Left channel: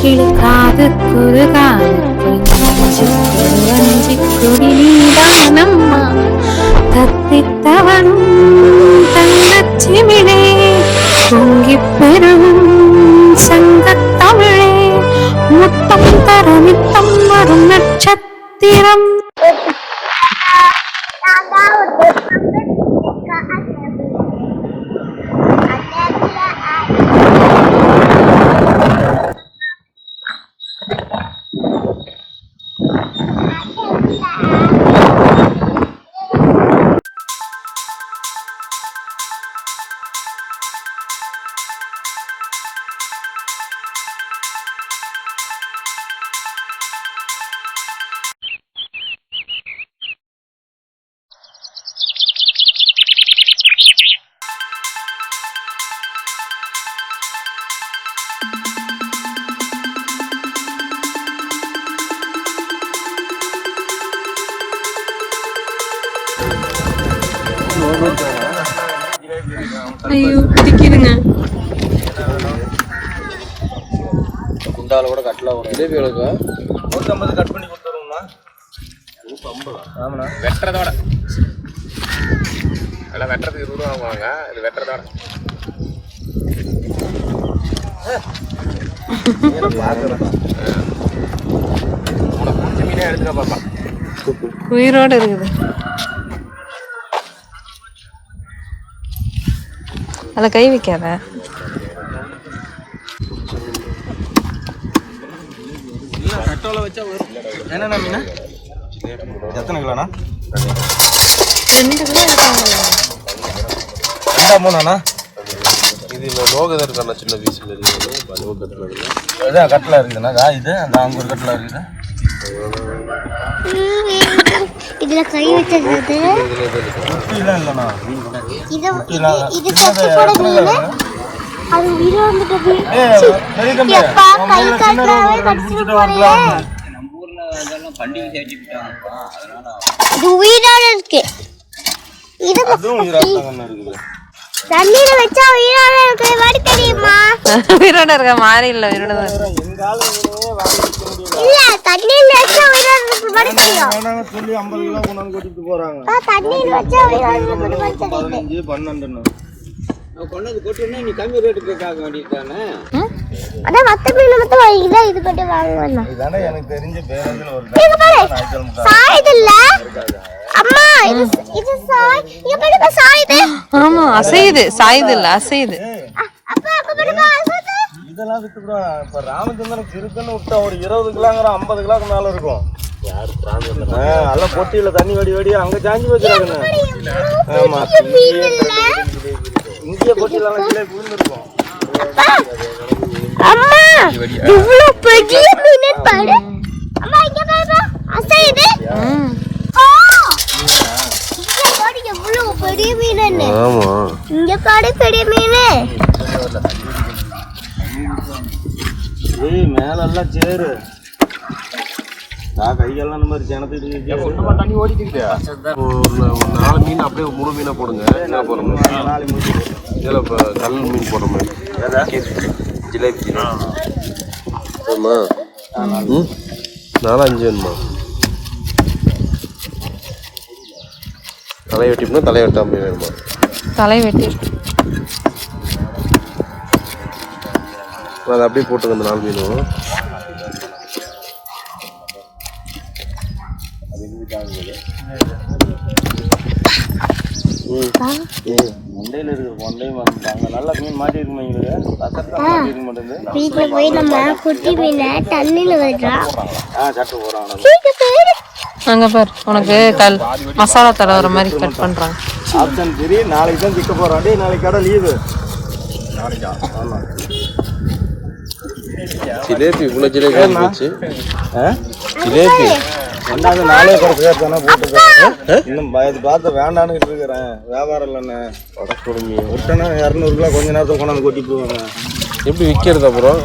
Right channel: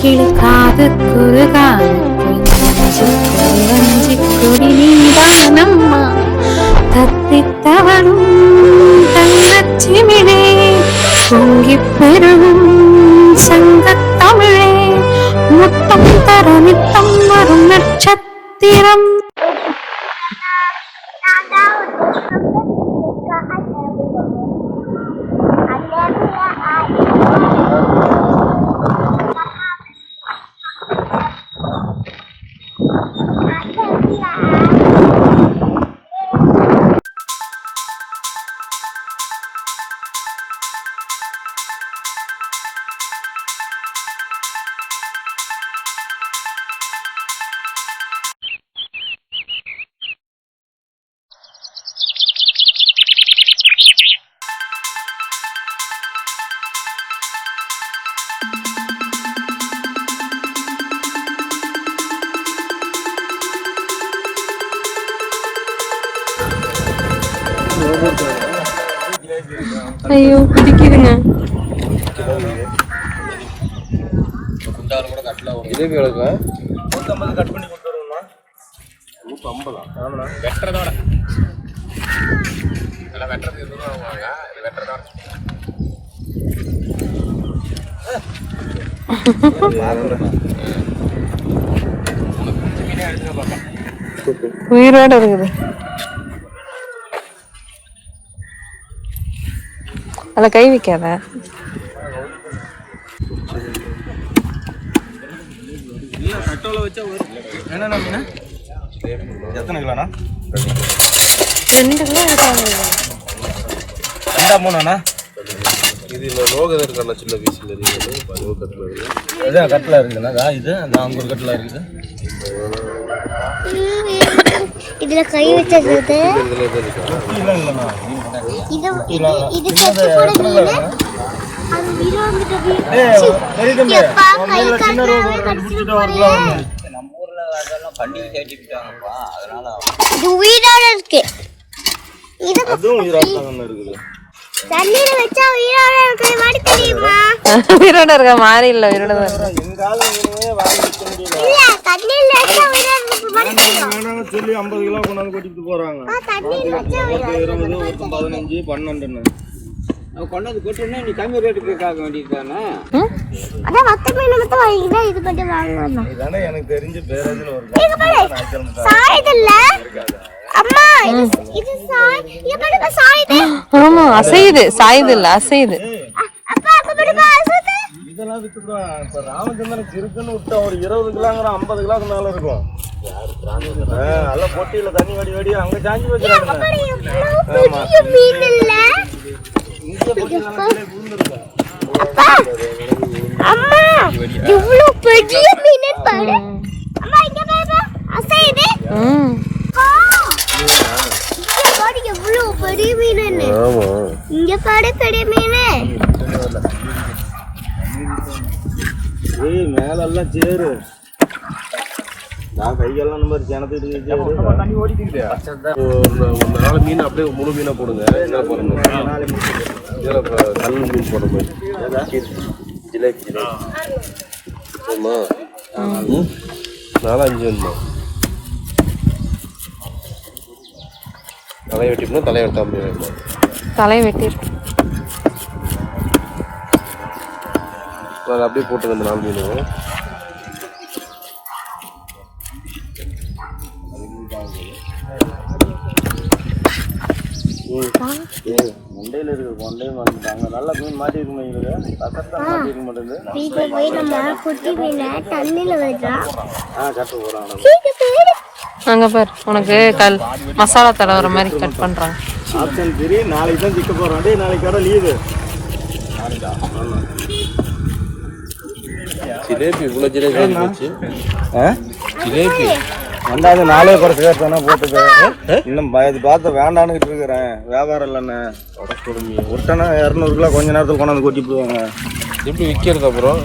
கிளிக்காது குறுகாது வஞ்சி கொடி நீதானம்மா தத்தித்தவனும் தங்கச்சிமிழே பொங்கி பெருகும் சங்கத்தமிழே முத்தம் தர நித்தம் வரும் நட்சத்திரம். ஐயோ பிடிக்குதுங்க. குண்டால கூட கட்டலாம் இதே வேலைக்கு 150 கட் பண்ணி கொடுத்துருவோம்மா. 150 ஆமாண்ணா. வெட்டுறதோட எல்லாம் வெட்டுறதுக்கு 20 ரூபா வாங்க. இது வெட்டுறதோட உயிரோட இருக்குது. அதில் கை வைக்காத. எத்தனை கிலோண்ணா? 2 கிலோ இருக்காங்க. 2-3 இதில் லோகோ இருக்கா சின்ன பீஸ் இதான் கட்டில் இருக்குதுண்ணா. இது அந்த அங்கே ஒரு கட்டில் இருக்குது. இதுல கை வச்சது இல்லைண்ணா. இது சத்தப்போட மீன் அது உயிர் வந்துட்டது. எப்பா கை காட்டாவே கடிச்சிட்டு போறீங்க. நம்ம ஊர்ல அதெல்லாம் பண்டிகை சேர்த்துட்டாங்கப்பா. அதனால இது உயிரோட இருக்கு. இது அதுவும் உயிரோட இருக்குது. தண்ணில வச்சா உயிரோட இருக்கு. வாடி தெரியுமா? உயிரோட இருக்க மாதிரி இல்ல, உயிரோட தான் இருக்கு. இல்ல தண்ணில வச்சா உயிரோட இருக்கு. வாடி தெரியுமா? வேணாங்க சொல்லி 50 கிலோ கொண்டாந்து கொட்டிட்டு போறாங்க. தண்ணில வச்சா உயிரோட 15 12 கொண்டாந்து கொட்டினா நீ கம்மி ரேட்டுக்கு கேட்க வேண்டியதுதானே. அட மத்த மீன் மட்டும் வாங்கிடா. இது கட்டி வாங்கணும். இதானே எனக்கு தெரிஞ்ச பேரேஜ்ல ஒரு இங்க பாரு. சாயுது இல்ல அம்மா. இது சாய். இங்க பாருங்க சாயுது. ஆமா அசையுது. சாயுது இல்ல அசையுது. அப்பா அங்க பாருங்க அசையுது. இதெல்லாம் வித்துறோம். இப்ப ராமச்சந்திரன் திருத்தன்னு விட்டா ஒரு 20 கிலோங்கற 50 கிலோக்கு மேல இருக்கும். யார் ராமச்சந்திரன்? அதெல்லாம் பொட்டியில தண்ணி வடி அங்க சாஞ்சி வச்சிருக்காங்க. பெரிய மீன் இல்ல. இங்க பொட்டில கீழே விழுந்துரும். அம்மா இவ்ளோ பெரிய மீன் பாரு. அம்மா இங்க பாரு அசையுது. இங்க பாரு எவ்ளோ பெரிய மீன். ஆமா இங்க பாரு பெரிய மீன். ஏய் மேல எல்லாம் சேரு. நான் கையெல்லாம் இந்த மாதிரி ஜனத்துக்கு ஒண்ணமா தண்ணி ஓடிக்குது. ஒரு 4 மீன் அப்படியே முழு மீனா போடுங்க. இதுல கல் மீன் போடுற மாதிரி ஜிலேபி. ஆமா 4-5 வேணுமா? தலை வெட்டினா தலை வெட்டாம வேணுமா? தலை வெட்டி அதை அப்படியே போட்டுருங்க. அந்த 4 மீனும் முண்டையில இருக்கு. கொண்டை அங்க நல்லா மீன் மாட்டி இருக்கு. மாட்டிருக்க மாட்டேங்குது. வீட்டுல போய் நம்ம குட்டி மீனை தண்ணியில வைக்கிறா. கட்டு போறாங்க. அங்க பாரு உனக்கு மசாலா தடவுற மாதிரி கட் பண்றாங்க. ஆப்ஷன் 3 நாளைக்கு தான் திக்க போறாண்டி. நாளைக்கு கடை லீவு. ஆமா ஜிலேபி இவ்வளோ ஜிலேபி இருந்துச்சு. ஜிலேபி ரெண்டாவது நாளே கிடைச்சா போட்டுக்க. இன்னும் பார்த்து வேண்டான்னு இருக்கிறேன். வியாபாரம் இல்லைண்ணே. விட்டனா 200 கிலோ கொஞ்ச நேரத்துக்கு கொண்டாந்து கொட்டி போவாங்க. எப்படி விற்கிறது? அப்புறம்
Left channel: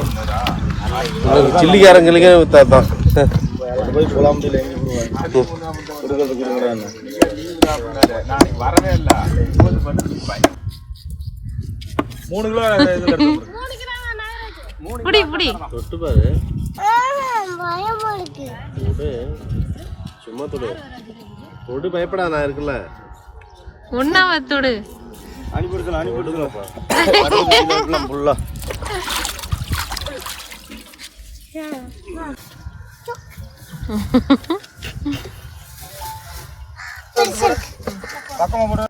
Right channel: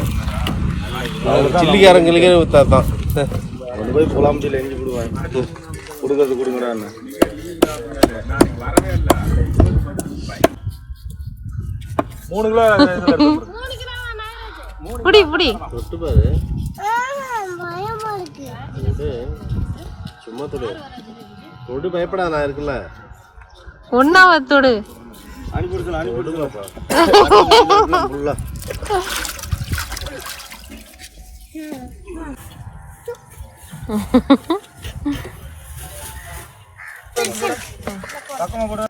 சில்லிக்காரங்களுக்கு வித்தாதான் போய் புலாம்பட்டியில் எஞ்சி விடுவேன் கொடுக்கறது கொடுங்கடான்னு. புடி புடி தொட்டு பாரு. பயமா இருக்கு. தொடு. சும்மா தொடு. தொடு பயப்படா நான் இருக்குல்ல. ஒன்னாவத்தோடு அனுப்பிடுக்கலாம் ஃபுல்லா. பக்கமா போட